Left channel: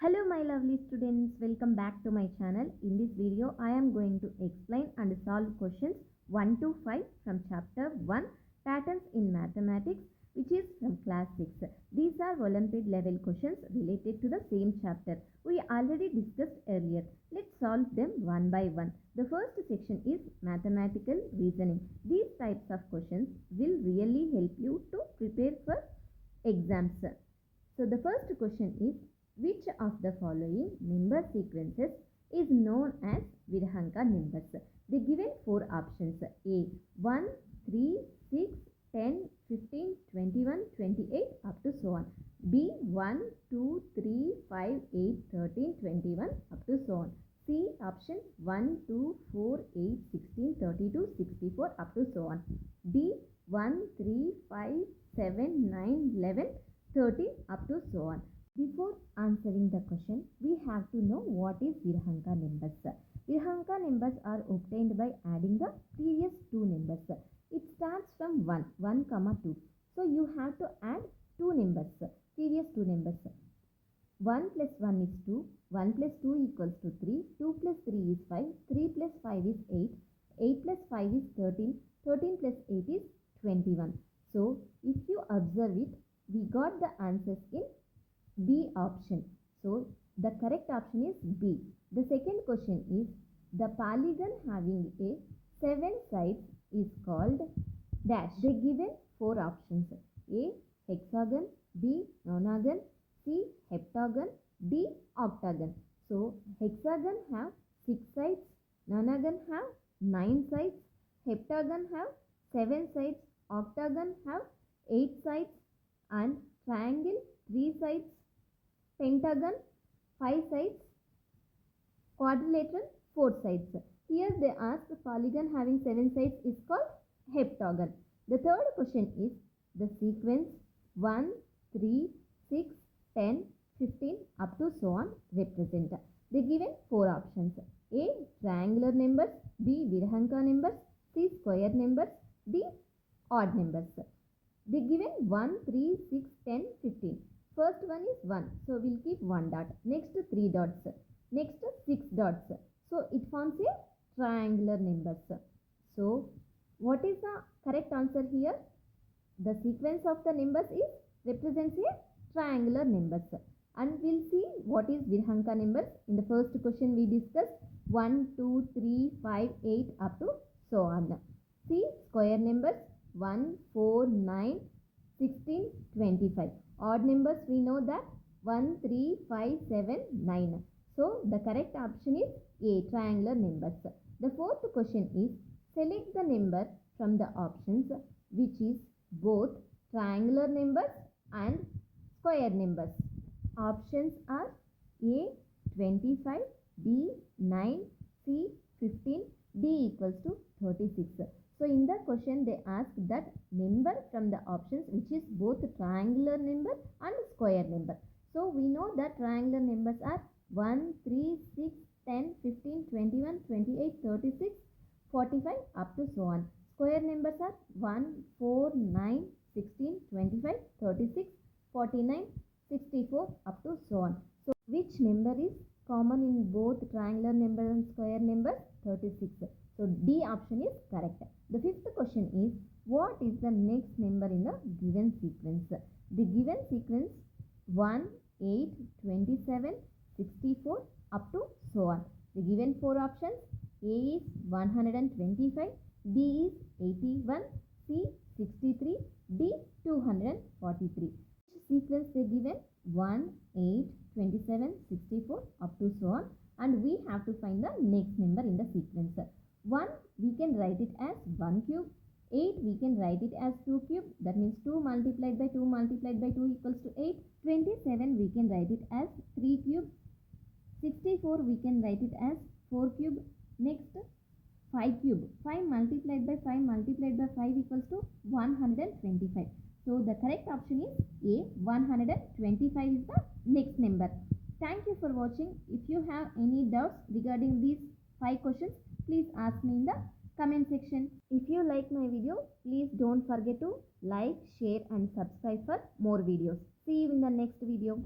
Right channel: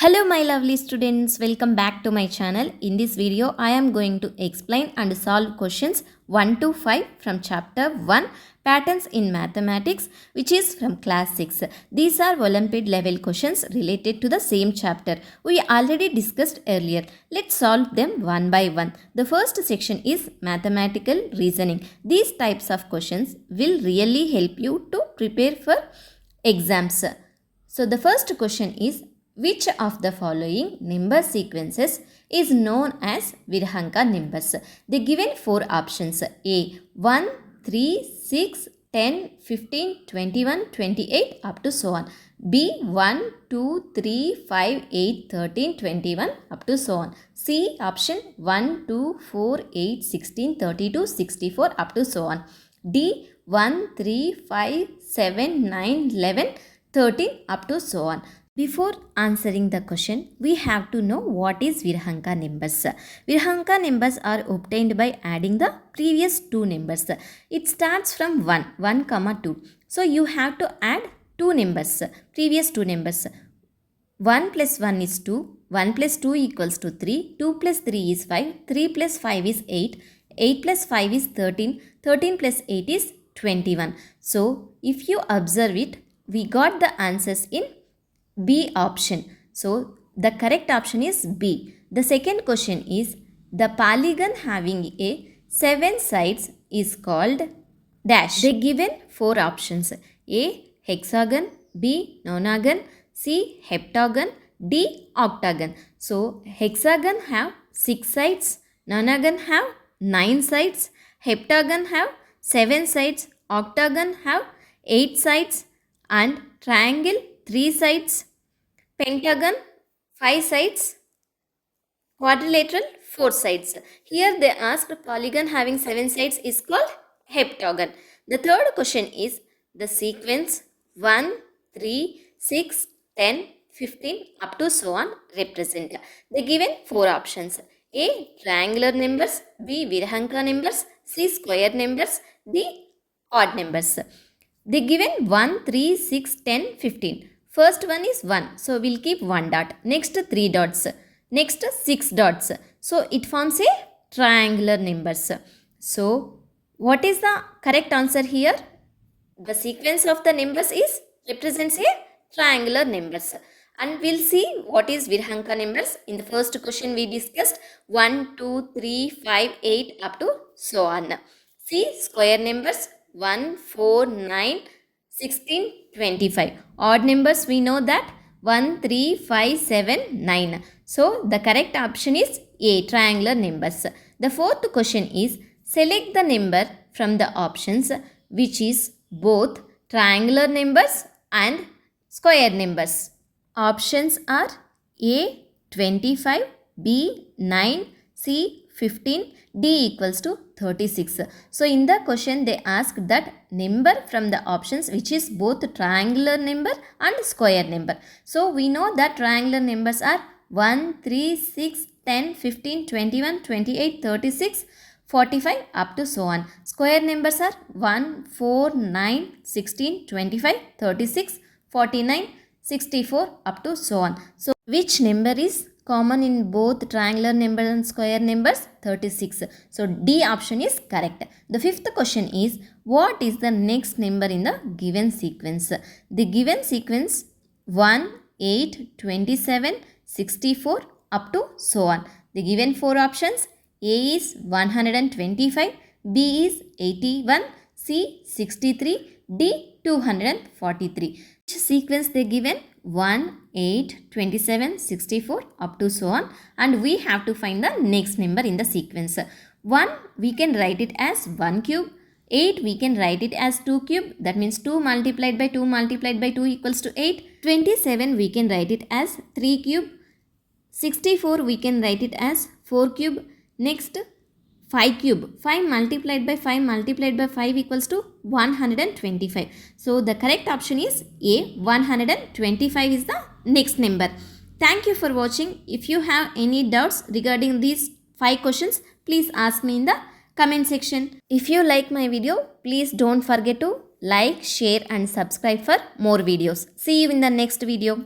Hello my lovely students, welcome back to my channel. In this video, I am going to explain and solve questions 1 to 5 from chapter 1 Patterns in Mathematics, which is from class 6. These are Olympiad level questions related to the same chapter we already discussed earlier. Let's solve them one by one. The first section is mathematical reasoning. These types of questions will really help you to prepare for exams. So the first question is, which of the following number sequences is known as Virhanka numbers? They given four options: A 1, 3, 6, 10, 15, 21, 28 up to so on. B 1, 2, 3, 5, 8, 13, 21 up to so on. C option 1, 2, 4, 8, 16, 32, 64 up to so on. D 1, 3, 5, 7, 9, 11, 13 up to so on. Before answering the question, we have to know what is Virhanka numbers. Virhanka numbers are obtained by adding the previous two numbers. It starts from 1 comma 2. So you have to add two numbers, previous two numbers. 1 plus 1 is 2, 1 plus 2 equals to 3, 2 plus 3 is 5, 3 plus 5 is 8, 8 plus 5 is 13, 13 plus 8 is 21. So if you observe it, we got the answers in B option. So the correct option is B. The second question is, the polygon having a 7 sides is called dash. They given four options: A hexagon, B nonagon, C heptagon, D octagon. So hexagon have 6 sides, nonagon have 9 sides, heptagon have 7 sides, octagon have 8 sides, and triangle 3 sides, pentagon 5 sides, quadrilateral 4 sides. Here they asked polygon having 7 sides is called heptagon. The third question is the sequence 1, 3, 6, 10, 15 up to so on represent. They given four options: A triangular numbers, B Virhanka numbers, C square numbers, D odd numbers. They given 1, 3, 6, 10, 15. First one is 1. So we'll keep 1 dot. Next 3 dots. Next 6 dots. So it forms a triangular numbers. So what is the correct answer here? The sequence of the numbers is represents a triangular numbers. And we'll see what is Virhanka numbers. In the first question we discussed 1, 2, 3, 5, 8 up to so on. See square numbers 1, 4, 9, 16, 25. Odd numbers we know that 1, 3, 5, 7, 9. So the correct option is A, triangular numbers. The fourth question is, select the number from the options which is both triangular numbers and square numbers. Options are A 25, B 9, C 15, D equals to 36. So in the question they asked that number from the options which is both triangular number and square number. So we know that triangular numbers are 1, 3, 6, 10, 15, 21, 28, 36, 45 up to so on. Square numbers are 1, 4, 9, 16, 25, 36, 49, 64 up to so on. So which number is common in both triangular number and square numbers? 36. So D option is correct. The fifth question is, what is the next number in the given sequence? The given sequence 1, 8, 27, 64 up to so on. The given four options: A is 125, B is 81, C 63, D 243. Which sequence they given? 1, 8, 27, 64 up to so on, and we have to find the next number in the sequence. 1 we can write it as 1 cube, 8 we can write it as 2 cube, that means 2 multiplied by 2 multiplied by 2 equals to 8. 27 we can write it as 3 cube, 64 we can write it as 4 cube. Next 5 cube, 5 multiplied by 5 multiplied by 5 equals to 125. So the correct option is A, 125 is the next number. Thank you for watching. If you have any doubts regarding these 5 questions, please ask me in the comment section. If you like my video, please don't forget to like, share and subscribe for more videos. See you in the next video.